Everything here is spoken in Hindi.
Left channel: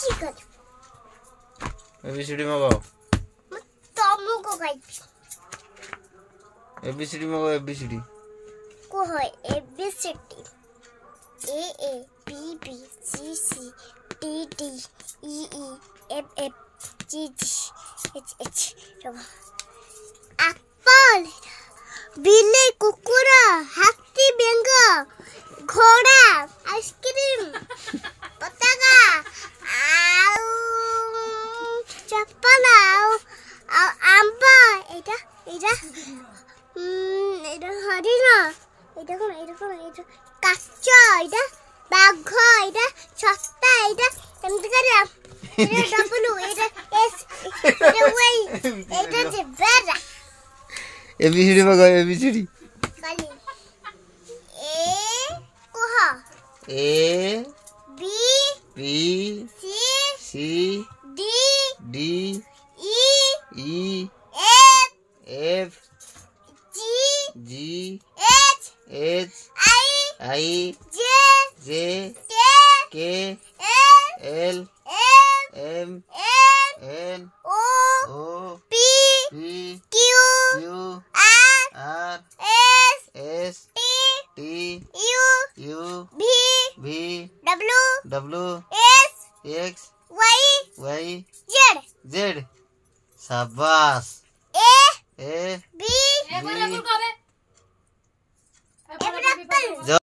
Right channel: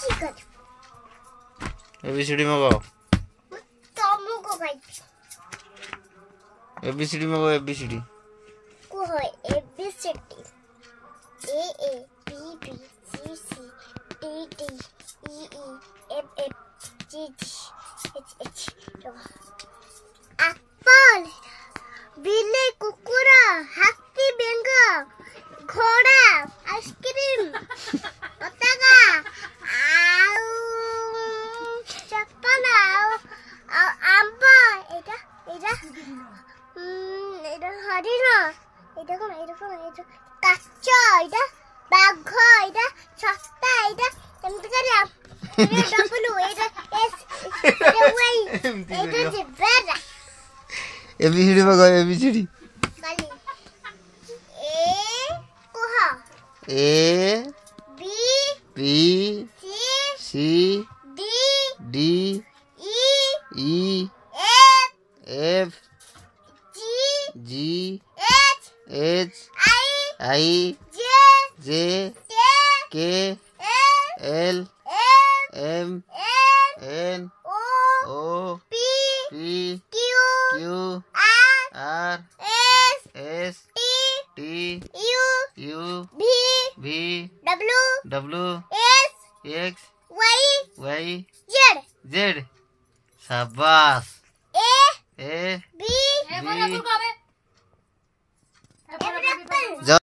चिकन एबीसीडी मगाओ तुमको गाइस एबीसीडी मगाओ एबीसीडी को है ABCD A A B B C C D D E E F F G G H H apple बिल्ली कुकुरा हाथी बेंगा घोड़ा आइसक्रीम पताका चप्पल आंबा এটা হরিণ এটা কোন এটা কাচ্চা এটা বাঘ এটা ছত্তা এটা এমনি করে এটা ডাবলু এটা এস এটা ওই এটা যে বেরা एबीसीडी मगाओ एबीसीडी কালি এ কোহ A B B C C D D E E F F G G H H I I J J K K L L M M N N O O P P Q Q R R S S T T U U V V W W S X Y Y Z Z शाबाश A A B B A